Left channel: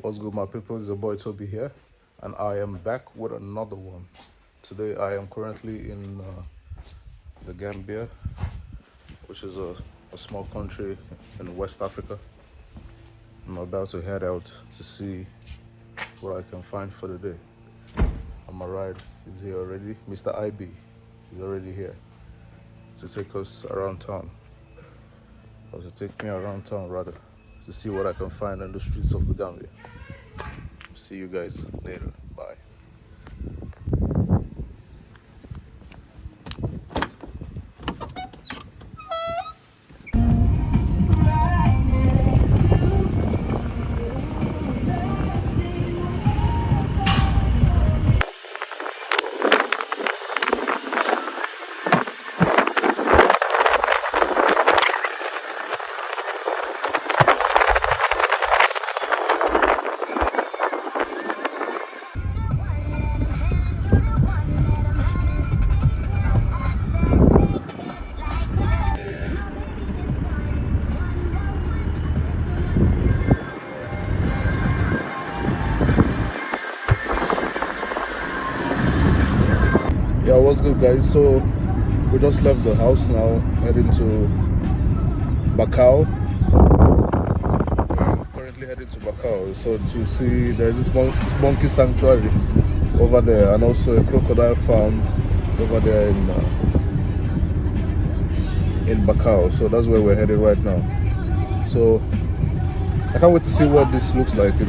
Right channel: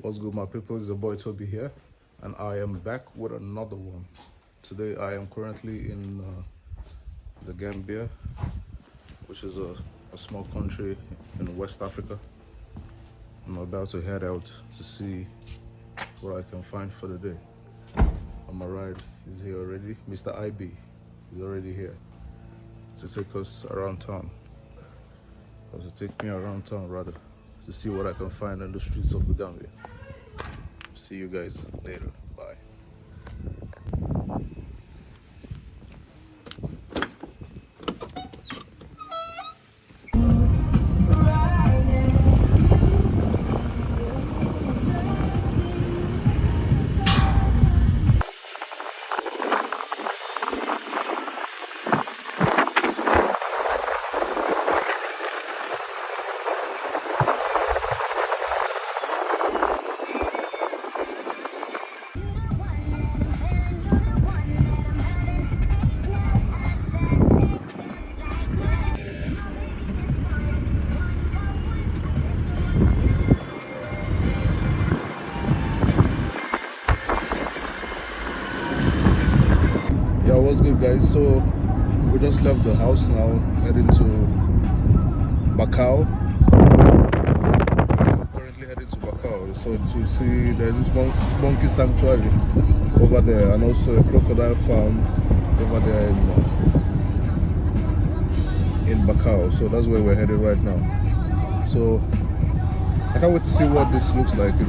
What's good, my people? It's your boy Toby here, and I am back with another one. Today I am currently in the Gambia, which is a small country in West Africa. I'm about to head out to see what I can find for the day. And my ride is here already. Mr. IB is already here to take us around town, or to take me around town rather, to see what I can find on the streets of the Gambia. See you guys later. Bye. Yeah, what's good, guys? So we just left the house now, heading to Bakau. We're currently heading to Bakau, so to see there's this monkey sanctuary over there, and also a crocodile farm over there in Bakau. So that's where we're headed right now. So I can't wait to see what this looks like.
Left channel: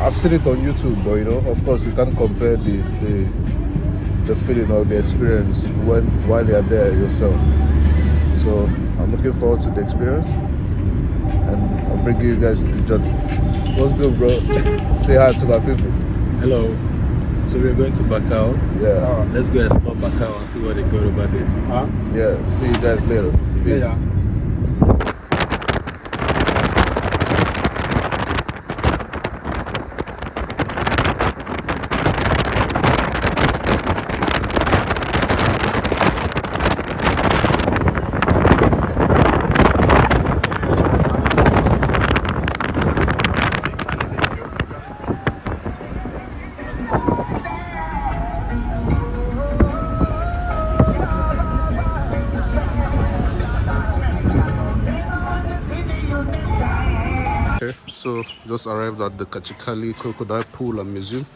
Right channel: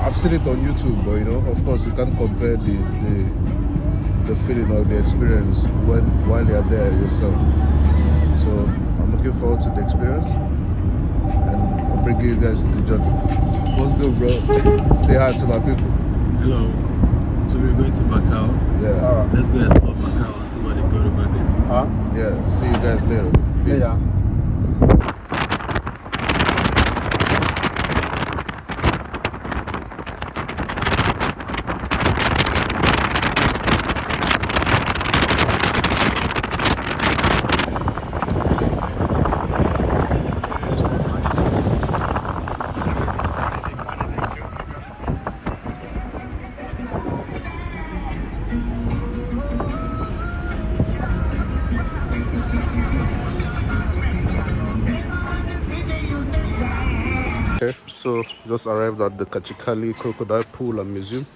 I've seen it on YouTube, but of course you can't compare the feeling or the experience while you're there yourself. So I'm looking forward to the experience, and I'll bring you guys to the journey. What's good, bro? Say hi to my people. Hello. So we're going to Bakau. Yeah. Let's go explore Bakau and see what they got over there. Yeah. See you guys later. Peace. Yeah. Okay, so just arrived at the Kachikally Crocodile Pool and Museum.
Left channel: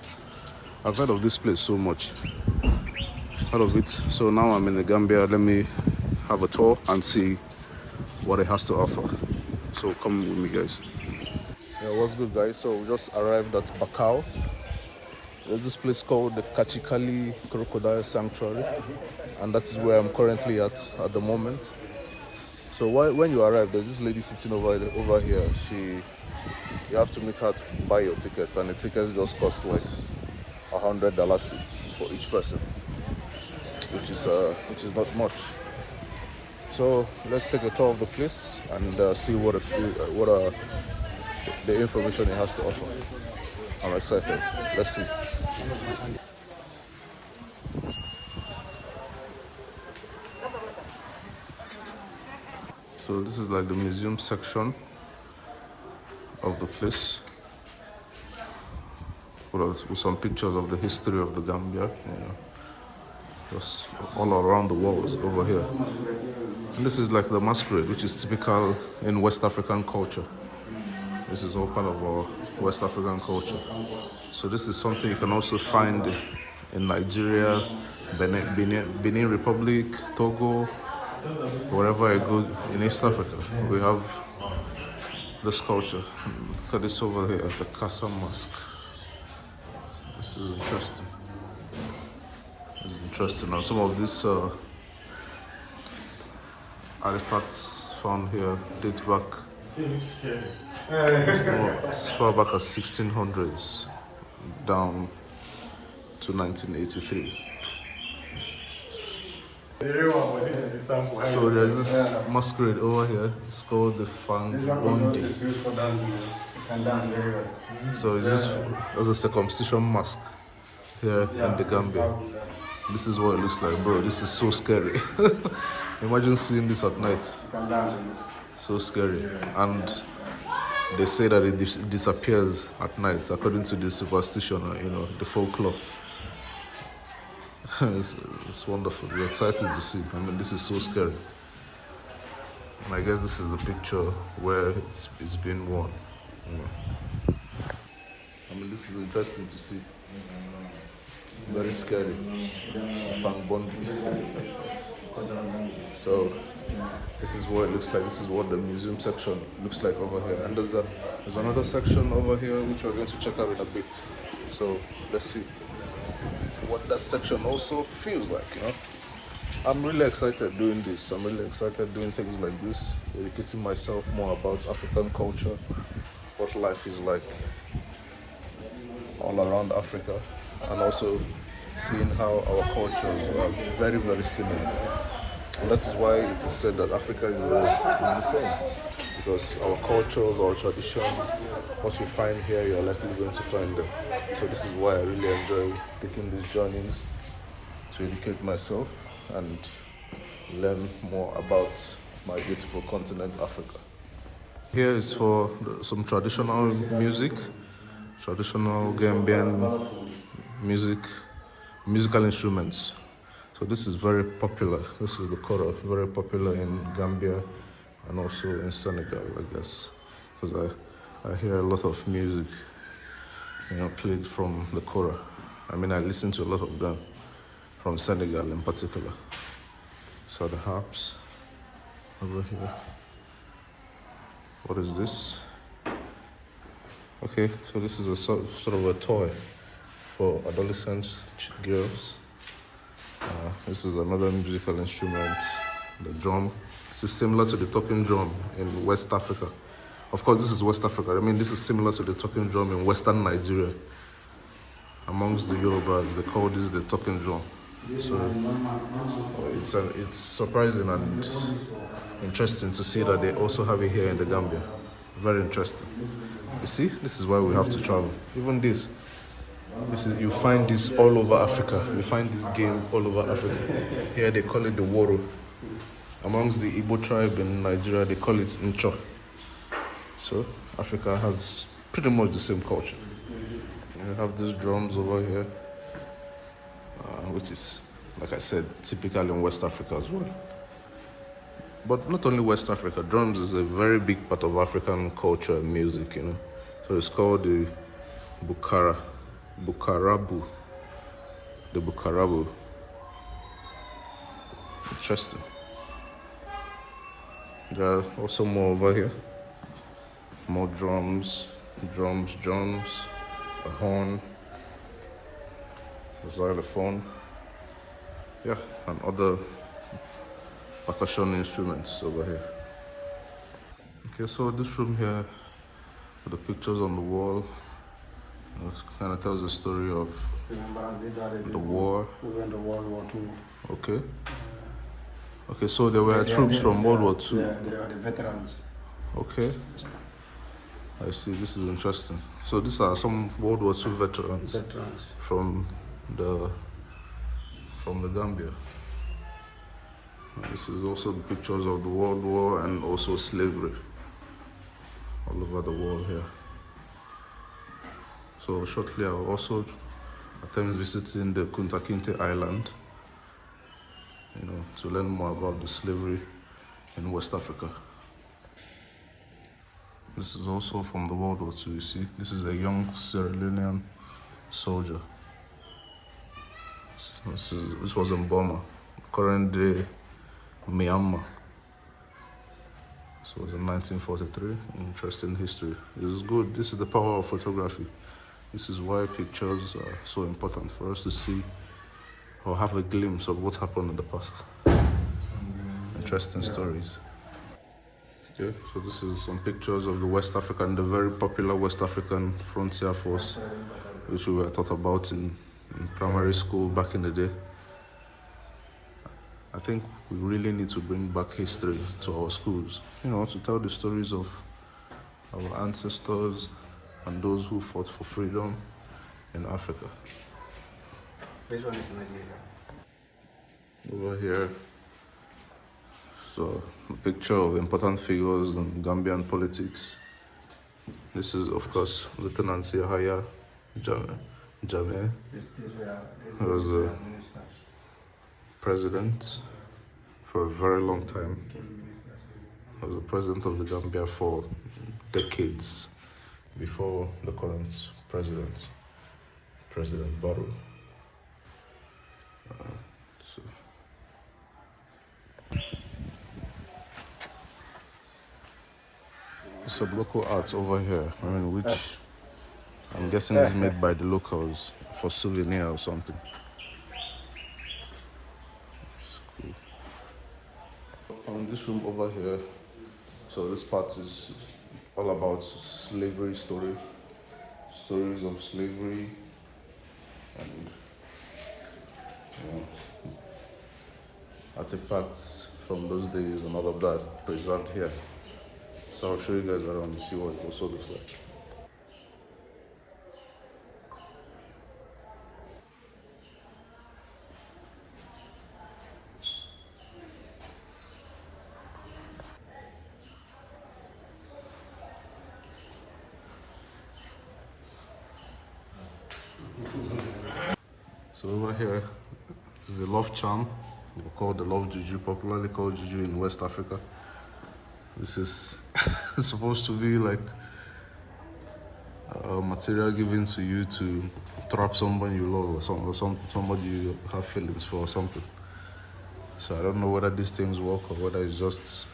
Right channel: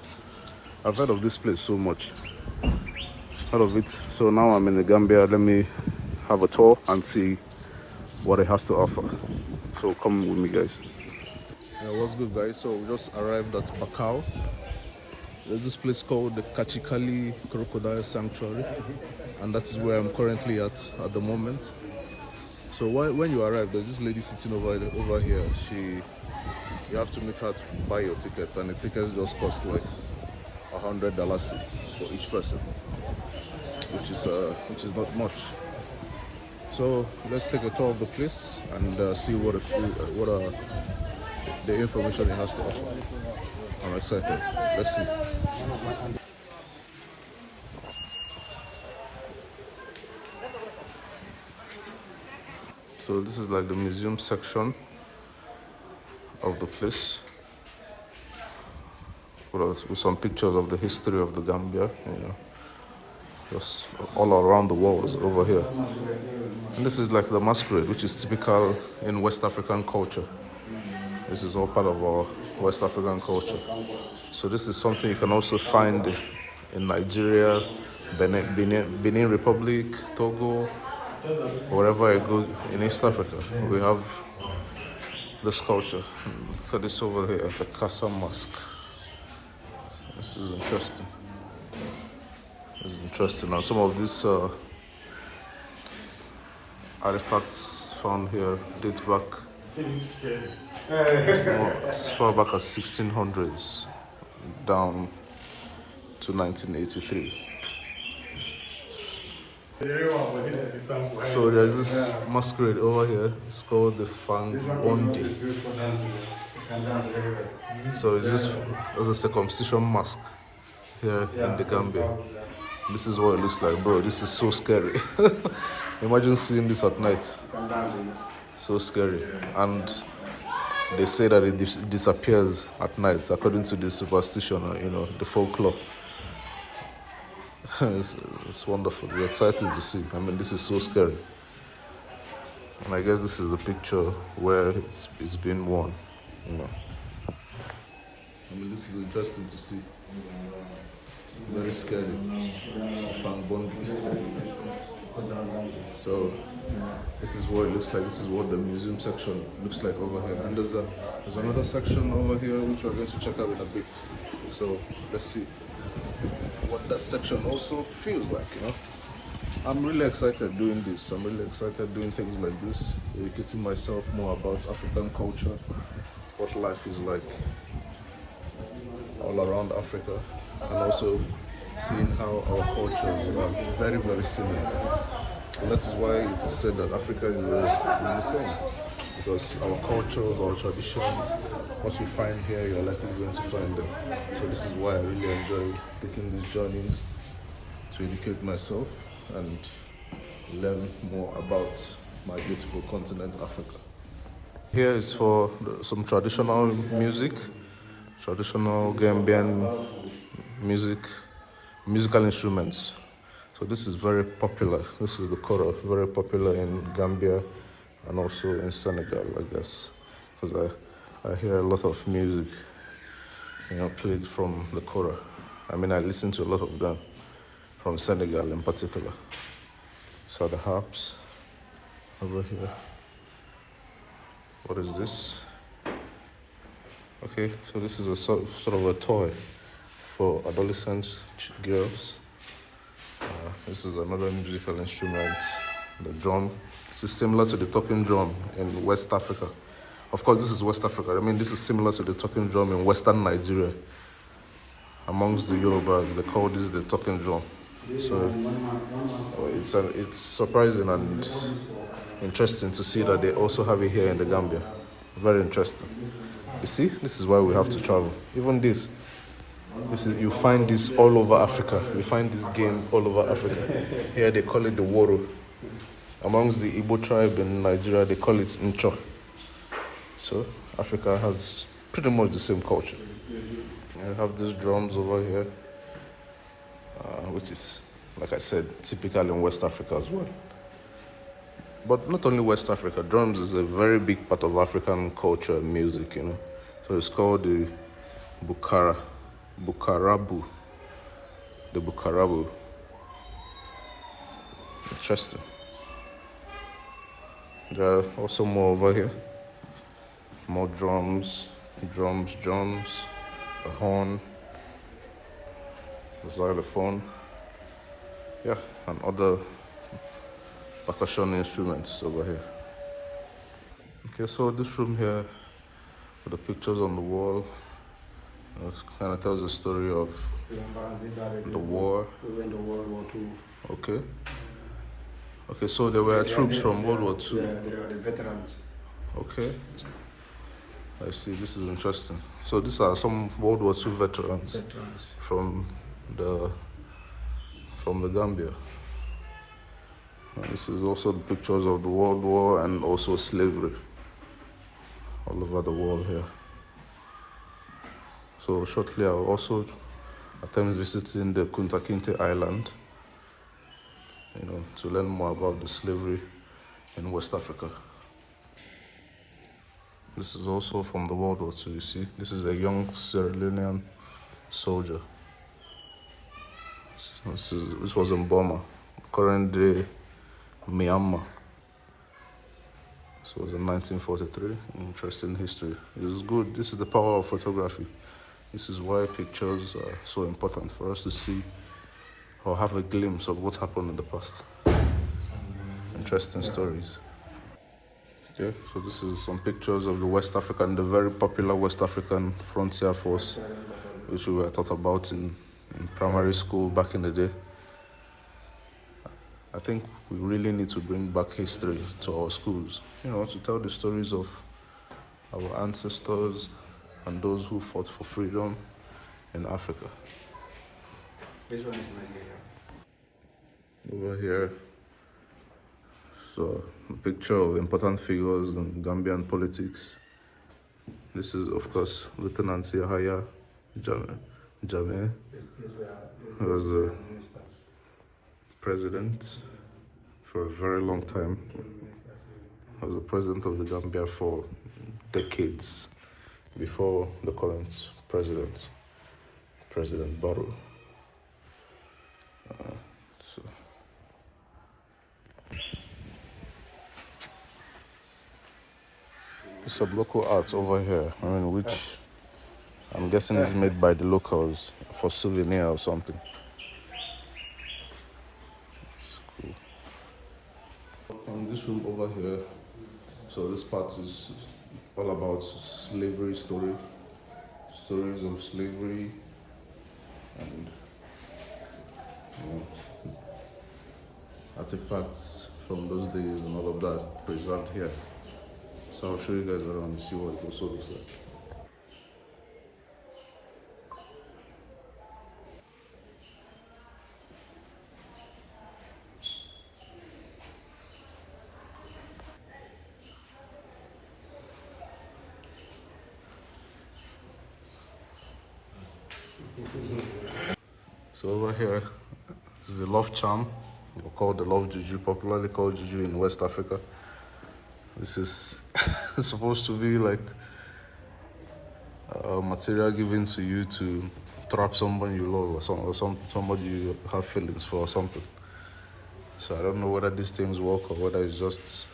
I've heard of this place so much. Heard of it. So now I'm in the Gambia. Let me have a tour and see what it has to offer. So come with me, guys. Yeah, what's good, guys? So we just arrived at Bakau. There's this place called the Kachikally Crocodile Sanctuary, and that is where I'm currently at the moment. So when you arrive, there's this lady sitting over here. You have to meet her to buy your tickets, and the tickets just cost like $100 for each person, which is not much. So let's take a tour of the place and see what the information it has to offer. I'm excited. Let's see. So this is like the museum section of the place, with some pictures of the history of the Gambia, just all around the walls over here. And this is like the masquerade, which is typical in West African culture. This is all part of our West African culture. So this is something you can also find in Nigeria, Benin Republic, Togo, wherever I go in East Africa. We have this culture. Look at this over here, the Casa Mosque. This is interesting. It's interesting. And some of these artifacts found here date back as far back as 1600s down to 1983. So there's this masquerade over here. It's called the Fang Bondi. So it's just as a circumcision mask here in the Gambia. This is what it looks like, bro. This is so scary. Imagine seeing this at night. So scary. And they say that it disappears at night, according to the superstition, the folklore. it's wonderful. We're excited to see. I mean, this is so scary. And I guess this is a picture where it's been worn. I mean, this is interesting to see. Very scary. Fang Bondi. So this is what it looks like. This is what the museum section looks like over here. And there's another section over here which we're going to check out in a bit. So let's see what that section also feels like. I'm really excited doing this. I'm really excited doing things like this, educating myself more about African culture, what life is like all around Africa, and also seeing how our cultures are very, very similar. And that is why it is said that Africa is the same, because our cultures, our tradition, what we find here, you're likely going to find there. So this is why I really enjoy taking these journeys to educate myself and learn more about my beautiful continent, Africa. Here is for some traditional music, traditional Gambian musical instruments. So this is very popular. This is the kora, very popular in Gambia and also in Senegal, I guess, because I hear a lot of music, played from the kora. I mean, I listen to a lot of them from Senegal in particular. So the harps over here. What is this? Okay, so this is a sort of a toy for adolescent girls. This is another musical instrument, the drum. This is similar to the talking drum in West Africa. Of course, this is West Africa. I mean, this is similar to the talking drum in Western Nigeria. Amongst the Yorubas, they call this the talking drum. So it's surprising and interesting to see that they also have it here in the Gambia. Very interesting. You see, this is why we have to travel. Even this is, you find this all over Africa. You find this game all over Africa. Here they call it the woro. Amongst the Igbo tribe in Nigeria, they call it ncho. So Africa has pretty much the same culture. You have these drums over here, which is, like I said, typical in West Africa as well. But not only West Africa, drums is a very big part of African culture and music, So it's called the Bukarabu. The Bukarabu. Interesting. There are also more over here. More drums, a horn, a xylophone, and other percussion instruments over here. Okay, so this room here with the pictures on the wall, it kind of tells the story of the war. Okay, so there were troops from World War II. Yeah, they are the veterans. Okay, I see. This is interesting. So these are some World War II veterans from the Gambia. And this is also the pictures of the World War and also slavery all over the world here. So shortly I will also attempt visiting the Kunta Kinte Island, to learn more about the slavery in West Africa. This is also from the World War II, you see. This is a young Sierra Leonean soldier. This was in Burma, current day Myanmar. This was in 1943. Interesting history. It is good. This is the power of photography. This is why pictures are so important for us to see or have a glimpse of what happened in the past. Interesting stories. Okay, so this is some pictures of the the very popular West African Frontier Force, which we were taught about in primary school back in the day. I think we really need to bring back history to our schools, to tell the stories of our ancestors and those who fought for freedom in Africa. This one is Nigeria. Over here, so a picture of important figures in Gambian politics, This is, of course, Lieutenant Yahya Jammeh. He was a president for a very long time. He was the president of the Gambia for decades before the current president, President Barrow. So. There's some local art over here, I mean, which I'm guessing is made by the locals for souvenir or something. It's cool. On this room over here, so this part is all about slavery stories of slavery, and artifacts from those days and all of that preserved here. So I'll show you guys around and see what it also looks like. So over here is the love charm, or called the love juju, popularly called juju in West Africa. This is supposed to be like material given to you to trap someone you love, or somebody you have feelings for or something. So I don't know whether these things work or whether it's just,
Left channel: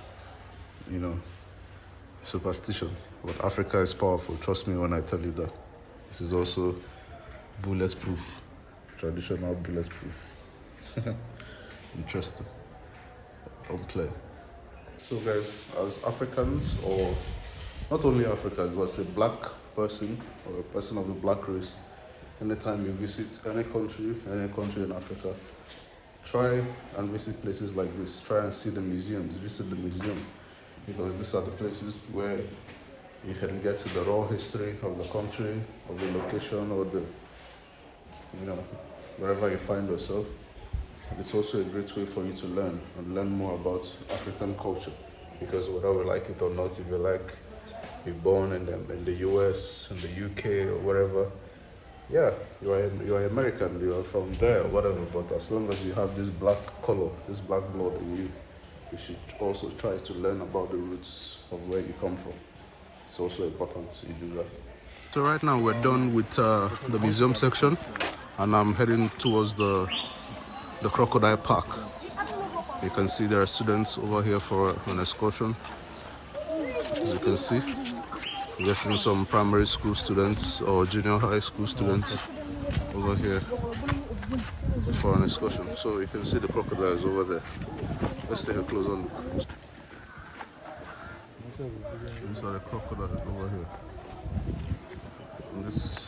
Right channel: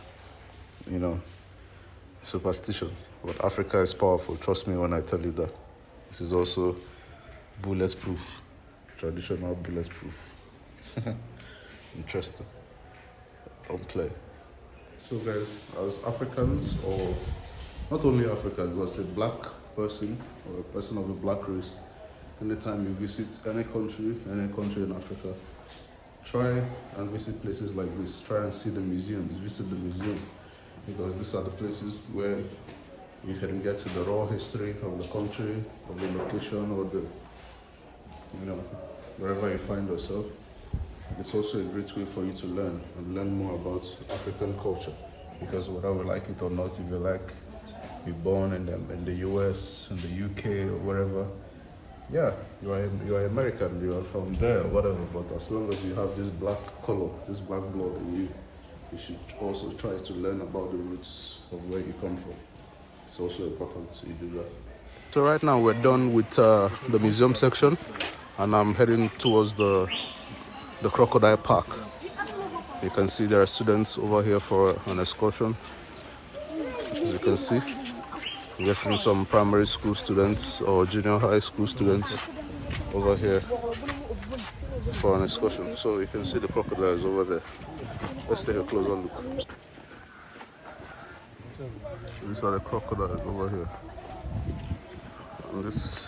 superstition. But Africa is powerful, trust me when I tell you that. This is also bulletproof, traditional bulletproof. Interesting. Don't play. So guys, as Africans, or not only Africans, but as a black person or a person of the black race, anytime you visit any country in Africa, try and visit places like this. Try and see the museums, visit the museum, because these are the places where you can get to the raw history of the country, of the location, or the, wherever you find yourself. And it's also a great way for you to learn more about African culture, because whether we like it or not, if you like, you're born in the US, in the UK, or wherever, yeah, you are American, you are from there, or whatever. But as long as you have this black color, this black blood in you, you should also try to learn about the roots of where you come from. It's also important you do that. So right now we're done with the museum section, and I'm heading towards the crocodile park. You can see there are students over here for an excursion. As you can see, we're seeing some primary school students or junior high school students over here for an excursion. So you can see the crocodiles over there. Let's take a closer look. These are the crocodiles over here. And there's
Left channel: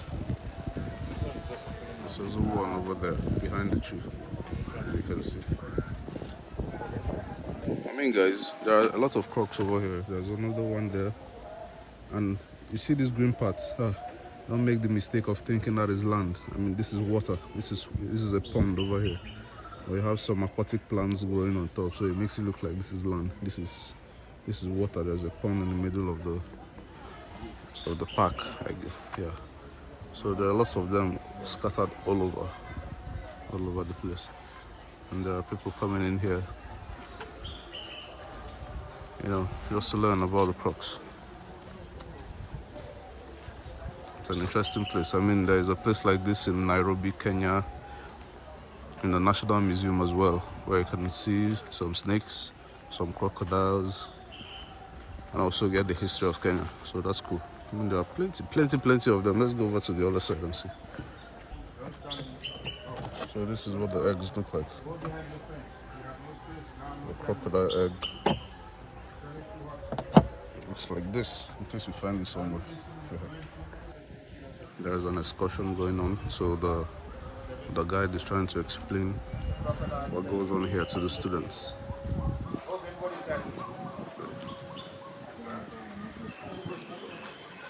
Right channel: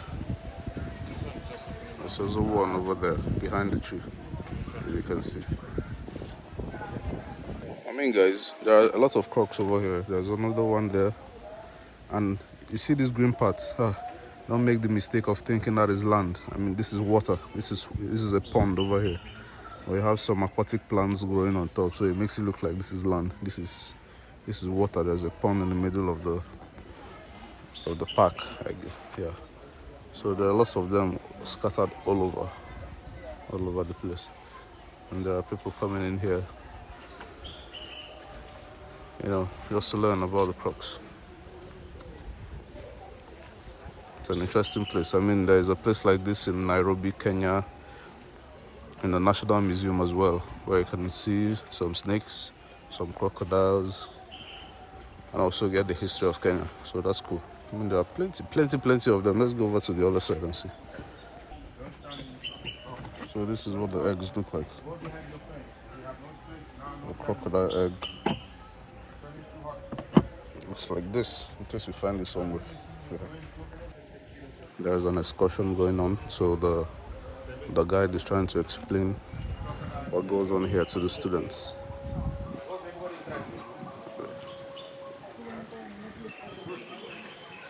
also one over there behind the tree, as you can see. I mean, guys, there are a lot of crocs over here. There's another one there, and you see this green part. Don't make the mistake of thinking that is land. I mean, this is water. This is a pond over here. We have some aquatic plants growing on top, so it makes it look like this is land. This is water. There's a pond in the middle of the park, I guess. Yeah. So there are lots of them scattered all over the place, and there are people coming in here, just to learn about the crocs. It's an interesting place. I mean, there is a place like this in Nairobi, Kenya, in the National Museum as well, where you can see some snakes, some crocodiles, and also get the history of Kenya. So that's cool. I mean, there are plenty of them. Let's go over to the other side and see. So this is what the eggs look like. The crocodile egg. Looks like this, in case you find it somewhere. Yeah. There's an excursion going on, so the guide is trying to explain what goes on here to the students.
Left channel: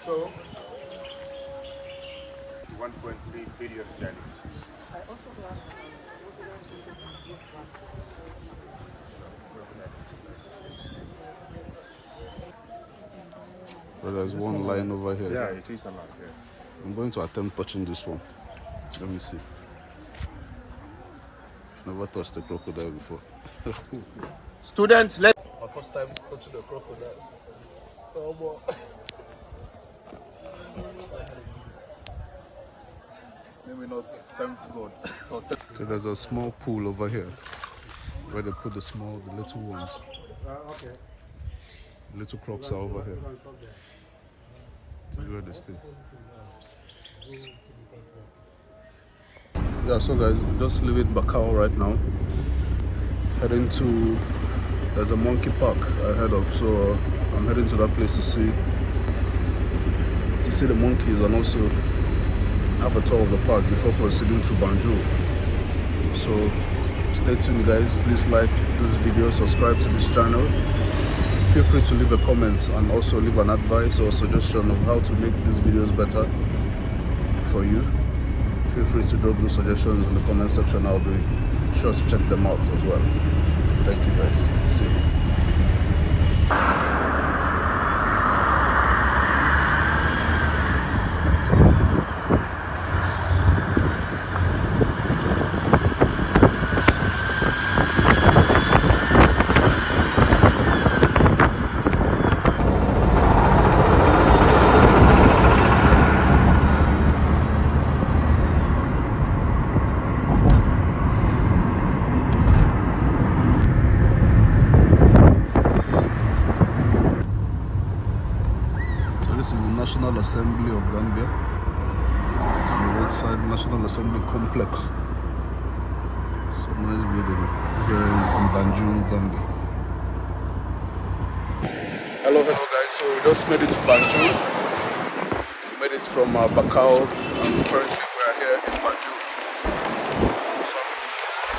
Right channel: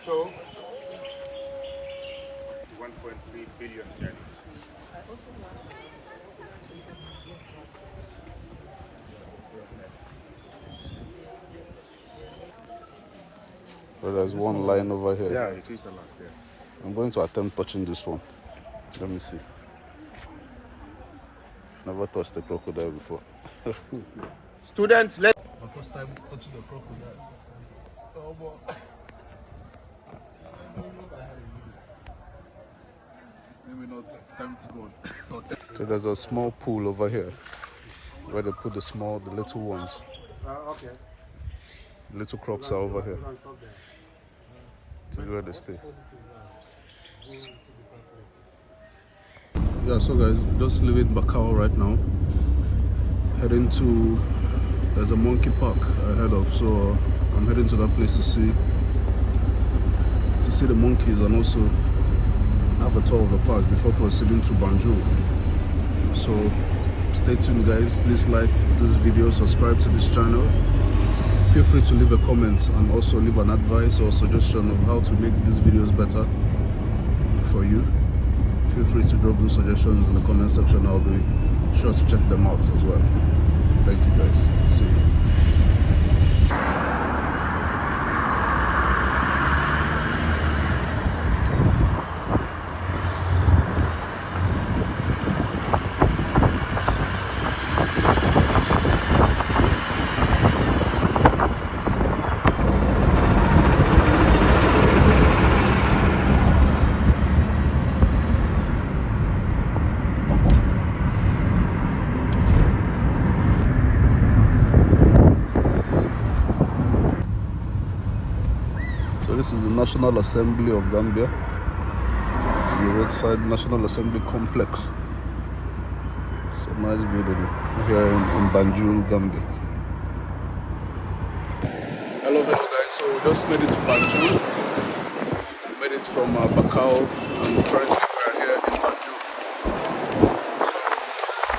So, 1.3 billion years. But there's one lying over here. Yeah, it is enough. Yeah. I'm going to attempt touching this one. Let me see. I've never touched a crocodile before. Students, let's. My first time touching a crocodile. Oh boy. Maybe not time to go. So there's a small pool over here where they put the little ones. Okay. The little crocs are over here. This is where they stay. Yeah, so guys, just leaving Bakau right now. Heading to, there's a monkey park ahead of, so I'm heading to that place to see the monkeys and also have a tour of the park before proceeding to Banjul. So stay tuned guys, please like this video, subscribe to this channel. Feel free to leave a comment and also leave an advice or suggestion of how to make these videos better for you. Feel free to drop those suggestions in the comment section. I'll be sure to check them out as well. Thank you guys. See you. This is the National Assembly of Gambia, on the roadside National Assembly Complex. It's a nice building here in Banjul, Gambia. Hello guys, so we just made it to Banjul. We made it from Bakau and currently we are here in Banjul. So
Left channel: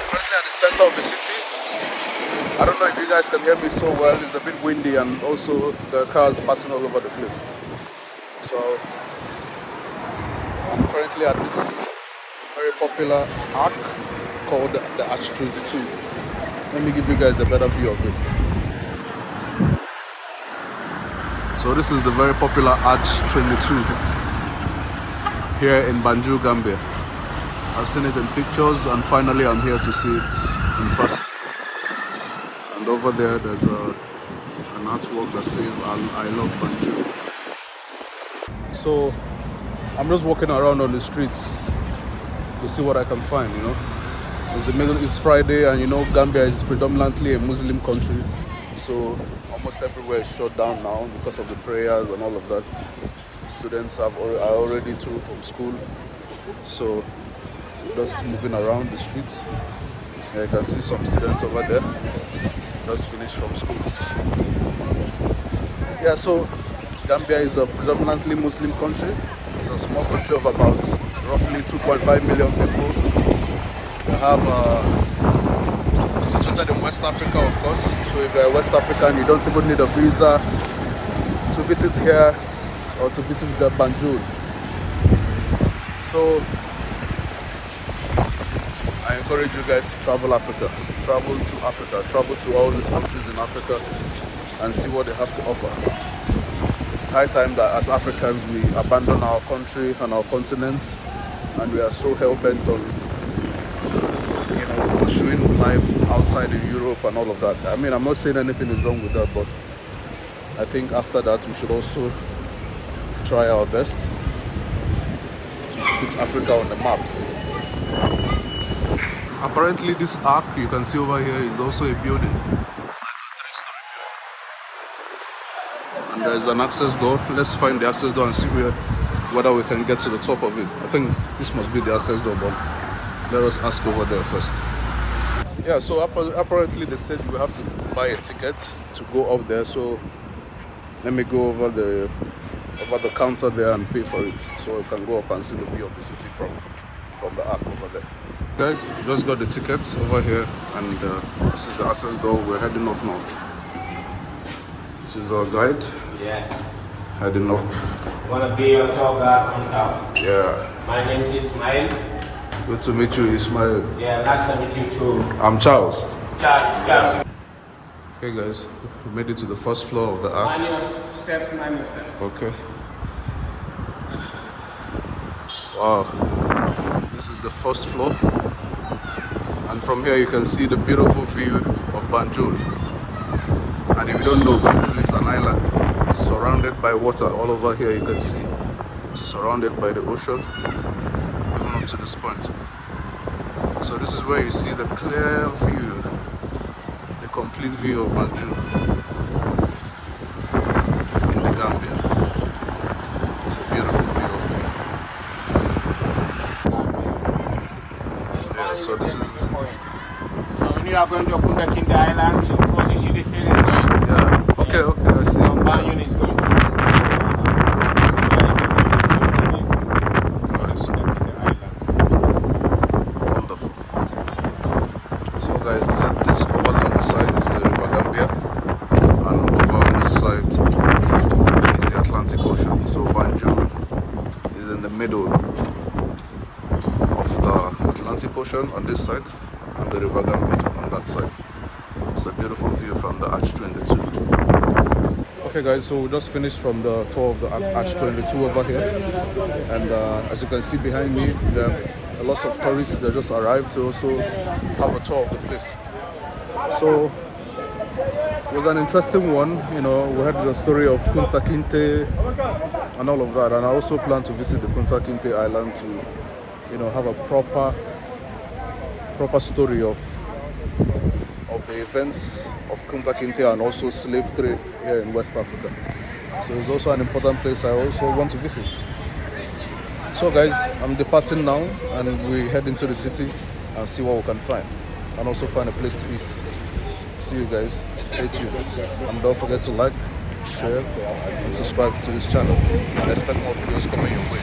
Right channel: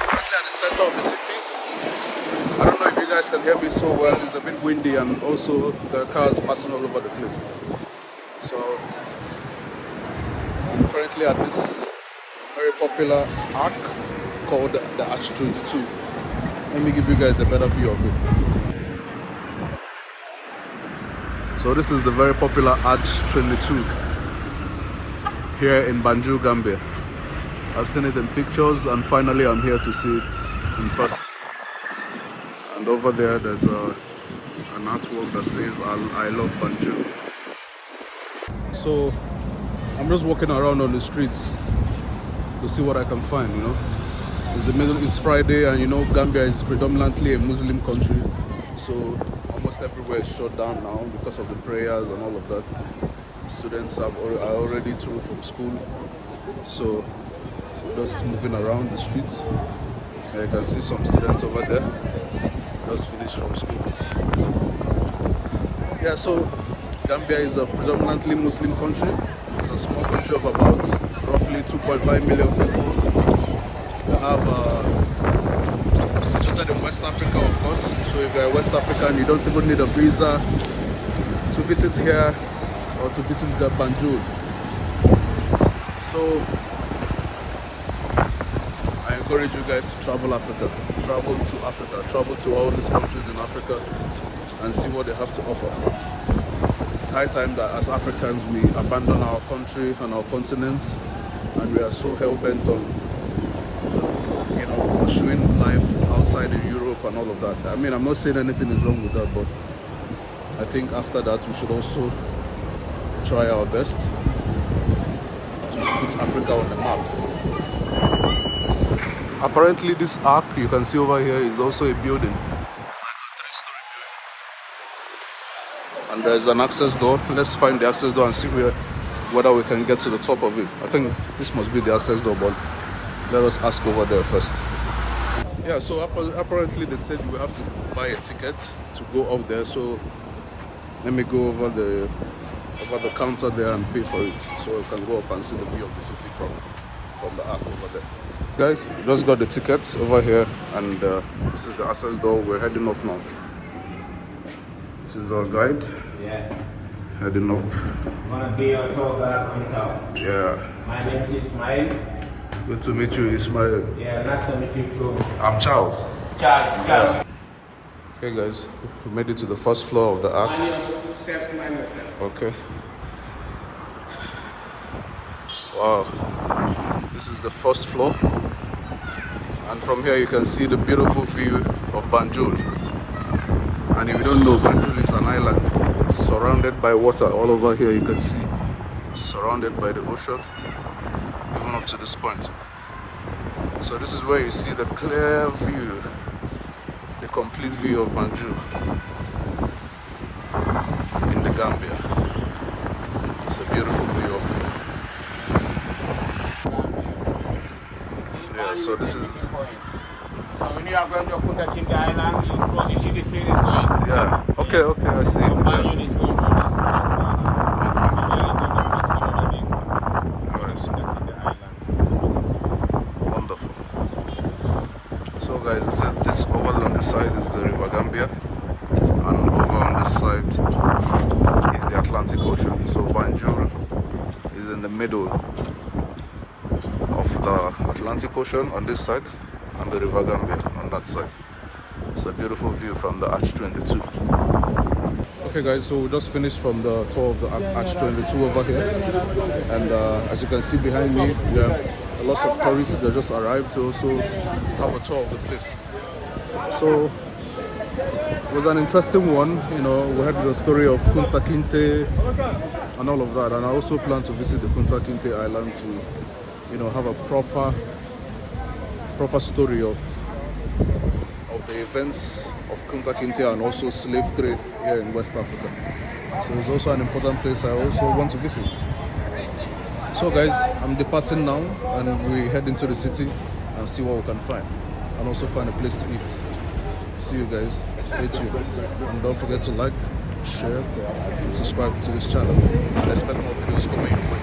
currently at the center of the city. I don't know if you guys can hear me so well, it's a bit windy and also the cars passing all over the place. So I'm currently at this very popular arc called the Arch 22. Let me give you guys a better view of it. So this is the very popular Arch 22 here in Banjul, Gambia. I've seen it in pictures and finally I'm here to see it in person. And over there there's an artwork that says I love Banjul. So I'm just walking around on the streets to see what I can find, you know. It's Friday and you know Gambia is predominantly a Muslim country, so almost everywhere is shut down now because of the prayers and all of that. Students are already through from school, so just moving around the streets. Yeah, you can see some students over there just finished from school. Yeah, so Gambia is a predominantly Muslim country. It's a small country of about roughly 2.5 million people. We have situated in West Africa, of course. So if you're a West African, you don't even need a visa to visit here or to visit the Banjul. So I encourage you guys to travel Africa. Travel to Africa. Travel to all these countries in Africa and see what they have to offer. It's high time that as Africans we abandon our country and our continent, and we are so hell-bent on pursuing life outside in Europe and all of that. I mean, I'm not saying anything is wrong with that, but I think after that we should also try our best to put Africa on the map. Apparently this arc you can see over here is also a building. And there's an access door. Let's find the access door and see whether we can get to the top of it. I think this must be the access door, but let us ask over there first. Yeah, so apparently they said we have to buy a ticket to go up there. So let me go over the counter there and pay for it, so we can go up and see the view of the city from the arc over there. Guys, we just got the tickets over here, and this is the access door. We're heading up now. This is our guide. Yeah. Heading up. Wanna be your tour guide on top. Yeah. My name is Ismail. Good to meet you, Ismail. Yeah, nice to meet you too. I'm Charles. Charles, class. Okay guys, we made it to the first floor of the ark. Manual steps, manual steps. Okay. Wow. This is the first floor. And from here you can see the beautiful view of Banjul. And if you don't know, Banjul is an island. It's surrounded by water. All over here you can see, surrounded by the ocean, even up to this point. So this is where you see the clear view, the complete view of Banjul in the Gambia. It's a beautiful view. Yeah, so this is... So when you are going to Kachikally Island, you position the field is going. Yeah, okay, I see. Yeah. Unit is going. Nice. Wonderful. So guys, I said this over on this side is the River Gambia, and over on this side is the Atlantic Ocean. So Banjul is in the middle of the Atlantic Ocean on this side and the River Gambia on that side. It's a beautiful view from the Arch 22. Okay guys, so we just finished from the tour of the Arch 22 over here, and as you can see behind me, there are lots of tourists that just arrived to also have a tour of the place. So it was an interesting one, you know. We heard the story of Kunta Kinte and all of that, and I also plan to visit the Kunta Kinte island to, you know, have a proper story of the events of Kunta Kinte and also slave trade here in West Africa. So it's also an important place I also want to visit. So guys, I'm departing now, and we head into the city and see what we can find, and also find a place to eat. See you guys, stay tuned, and don't forget to like, share and subscribe to this channel, and expect more videos coming your way.